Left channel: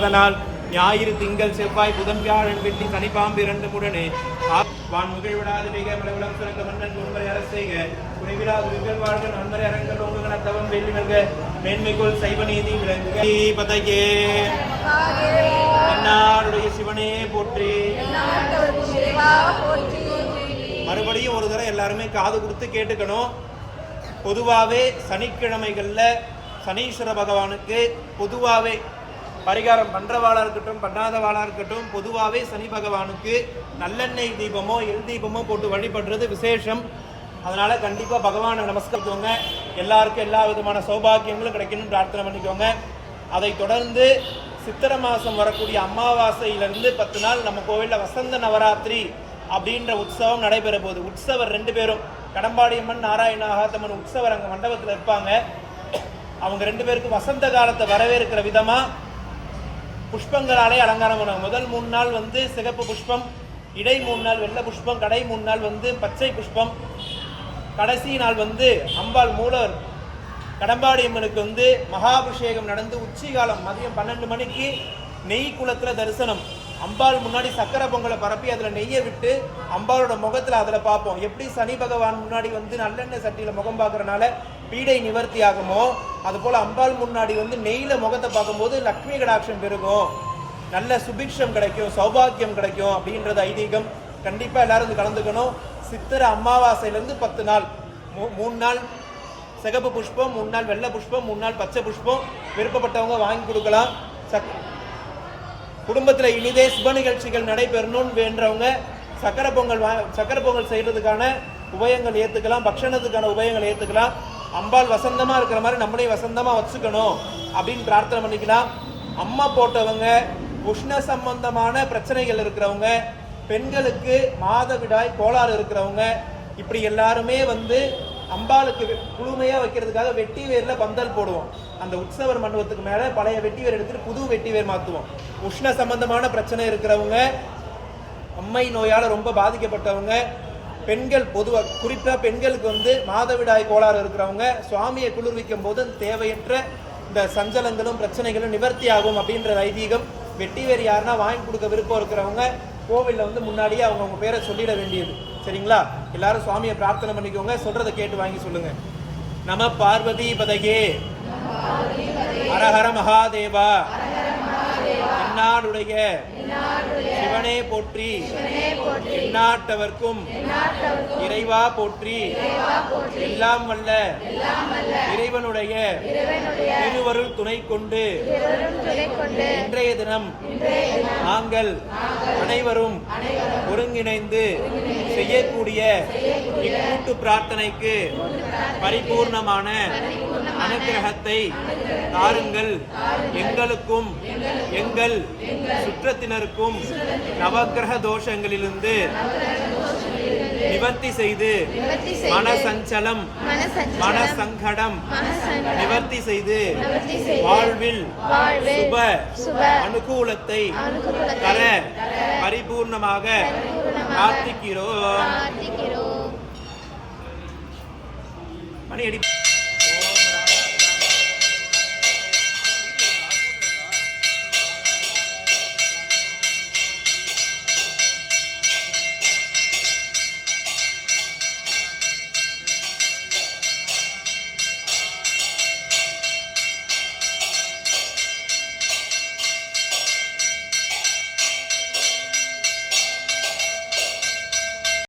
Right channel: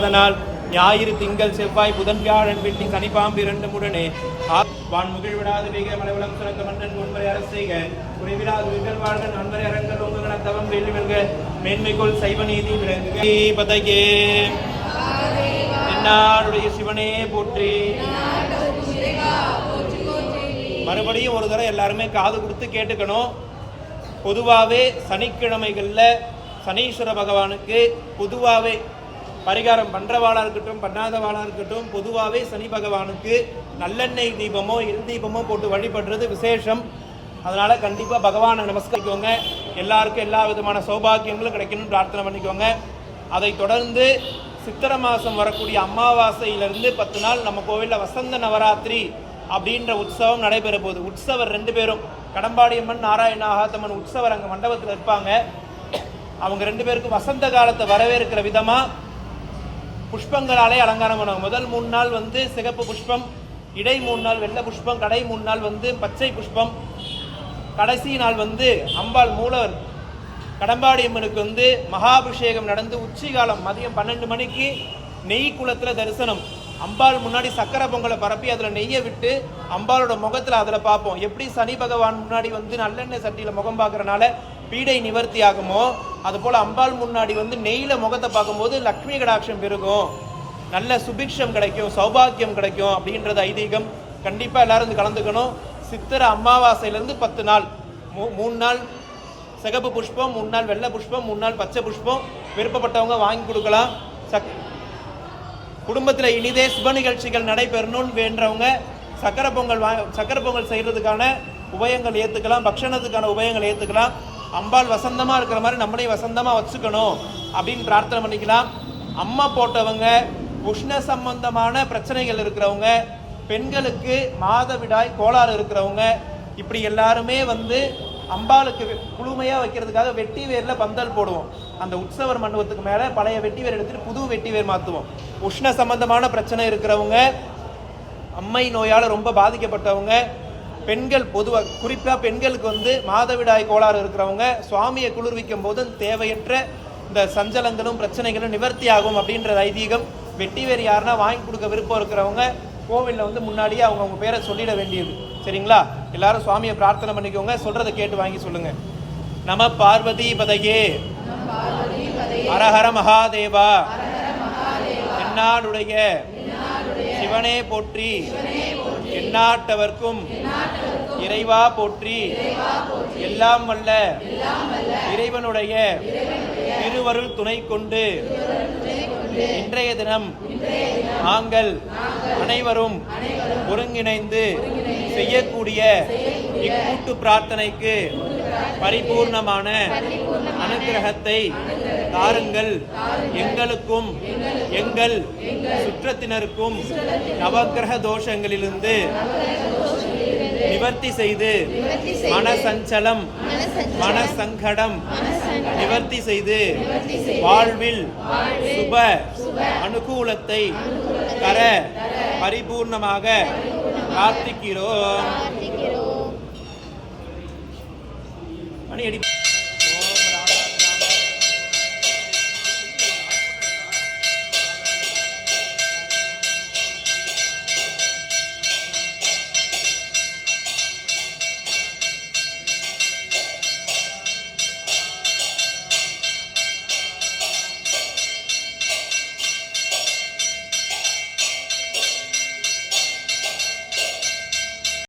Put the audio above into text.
அதனால் ஞாயிறு திங்கள் செவ்வாய் புதன் வியாழன் வெள்ளி சனிப்பாம்பு இரண்டு முடனே வான் முகிழ் விடாது மிக மலைவளம் சிறக்க மன்னன் உண்மை அரசைக குறைவிடாது விகர் வாழ்க நன்மறை அரங்கல் ஒன்றுகன தவம் வெள்ளி வெல்க மேன்மைக்குள் சைவ நீதி விளங்குக பதையே என்னாருடைய சிவனே போற்றி. மறுபடியும் ஒரு தடவை எல்லாருமே காது கொடுத்து கேட்டுக்கணும். பொதுவாகவே சனிக்கிழமைகள்ல சனீஸ்வர பகவானுக்கு பொதுவாகவே பரிகாரம் பண்றவாளா இருக்கட்டும் பண்ணாதவாளா இருக்கட்டும் பொதுவாகவே சனி பகவானுக்கு நல்லெண்ணெய் தீபமோ எல் தீபமோ போட்டு வழிபடுறது விசேஷம். அதனால கண்டிப்பா பகவானை நமஸ்கரிக்கோங்க. எல்லாருக்கும் எல்லா விதமான சௌபாகியங்களும் கிடைக்கணும்னு பிரார்த்தனை பண்ணிக்கோங்க. அதை தொடர்ந்து சித்திரை மாசம் வரக்கூடிய அமாவாசையிலிருந்து 10 நாள் நம்ம கோவில்ல வசந்த நவராத்திரி அப்படின்ற உற்சவம் நடைபெற போகுது. உற்சவர் 2 பேரும் கடம்பாடியம்மன் நாராயண ஆகாத்தம்மன் உற்சவர் அங்க மண்டபத்தில் இருப்பாங்க. அவங்க 2 பேருக்கும் வசந்த காலத்தை வரவேற்கிற விதமா புஷ்பங்களாலே அலங்காரம் பண்ணுவாங்க. முதல் 3 நாள் சிகப்பு புஷ்பம், இடை 3 நாள் வெள்ளை புஷ்பம், கடை 3 நாள் பச்சை புஷ்பம், கடைசி நாள் அம்பாள் மூலவர் கடம்பாடியம்மனுக்கு மகாபிஷேகம் நடந்து உச்சி காலம் மதியம் 12 மணிக்கு நெய் குளத்துல தரிசனம். அம்பாள் முன்னாடி சக்கரை பொங்கலை பரப்பி அதுல நெய்யை விட்டு அம்பாளோட முகத்துல அதுல பார்ப்போம். எப்படி சனி பகவான் முன்னாடி நல்லெண்ணெய் சட்டியில முகம் பார்க்கறனால பீடை நிவர்த்தி ஆகுமோ அது போல அம்பாள் முன்னாடி நெய்யில முகத்தை பார்க்கும்போது லக்ஷ்மி கடாட்சம் பெருகும், நல்ல சுபிக்ஷம் கிடைக்கும், சௌபாகியம் கிடைக்கும் அப்படின்றது ஐதீகம். கண்டிப்பா எல்லாரும் கலந்துக்கணும். சித்திரை அமாவாசையிலிருந்து 10 நாள் 3 நாள் சிகப்பு புஷ்பம், 3 நாள் வெள்ளை புஷ்பம், 3 நாள் பச்சை புஷ்பம் விருப்பப்பட்டவங்க வாங்கி கொடுக்கலாம். குடும்பத்துல இனிதே சுப நிகழ்ச்சிகள் நடைபெறணும்னு வேண்டவங்க சக்கரை பொங்கல் செய்யறதுக்கான உபயங்கள் ஏத்துக்கலாம், பக்ஷணத்துக்கான உபயங்கள் ஏத்துக்கலாம். அம்பாள் வசந்தமா இருக்கிற மாதிரி நம்மளையும் வசந்தமா வச்சுக்கணும் அப்படின்னு பிரார்த்தனை பண்ணிக்கலாம். அம்மா போட்டவங்க, உஷ்ண சம்பந்தமான பிரச்சனைகள் இருக்கிறவங்க, பெண்களுக்கு மாதவிடாய் கோளாறு இருக்கிறவங்க, இப்படி எல்லாருமே அம்பாளுக்கு குளுமையா வைக்கிறதுக்காக வெட்டி வேர்ல பந்தல் போடுவோம். அந்த உற்சவர் மண்டபத்துக்கு மேல பழைய வெட்டி வேர் எடுத்துட்டு புது வெட்டி வேர் மாத்துவோம். உஷ்ண சம்பந்தமான பிரச்சனை இருக்கிறவங்க, அம்மை நோயால ரொம்ப பாதிக்கப்பட்டவங்க, பெண்கள் பொதுவா குறிப்பா பெண்களுக்கு மாதவிடாய் கோளாறு இருக்கிறவங்க சுவாமியை குளிர்விக்கும் போது தேவையற்ற இந்த சஞ்சலங்களும் பிரச்சனைகளும் நிவர்த்தி ஆகும் அப்படின்ற ஐதீகம். வெட்டி வேர் யாருன்னா வாங்கி கொடுக்க விருப்பம் இருக்கிறவங்க கோவில்ல முன்னாடியே அவங்க பேரை சொல்லிட வேண்டியது. சரிங்களா? எல்லாரும் சுவாமியை பிரார்த்தனை பண்ணிக்கோங்க. சொல்றதை கேட்டு வாங்கி சொல்லுங்க. நம பார்வதி பதையே ஹரஹர மகாதேவா என்னாடுடைய சிவனே போற்றி, எந்நாட்டவர்க்கும் இறைவா போற்றி, எல்லாம் வல்ல இறைவனுடைய திருவருள் துணை கொண்டு இன்றைய தினம் நாங்கள் அனைவரும் ஒருங்கிணைந்து செய்யக்கூடிய இக்கூட்டு பிரார்த்தனைக்கு பரிபூர்ணமான அனுகிரகத்தை தாருங்கள். எங்களுக்கும் எங்கள் சுற்றத்தினருக்கும் நவக்கிரக தோஷங்களிலிருந்து நிவர்த்தி செய்து மனசஞ்சலம் மனசங்கடம் நிவர்த்தி செய்து வாழ்வில் சுப அனுகூலத்தை தர பரிபூர்ணமாக பிரார்த்திக்கிறோம். மணி அடி.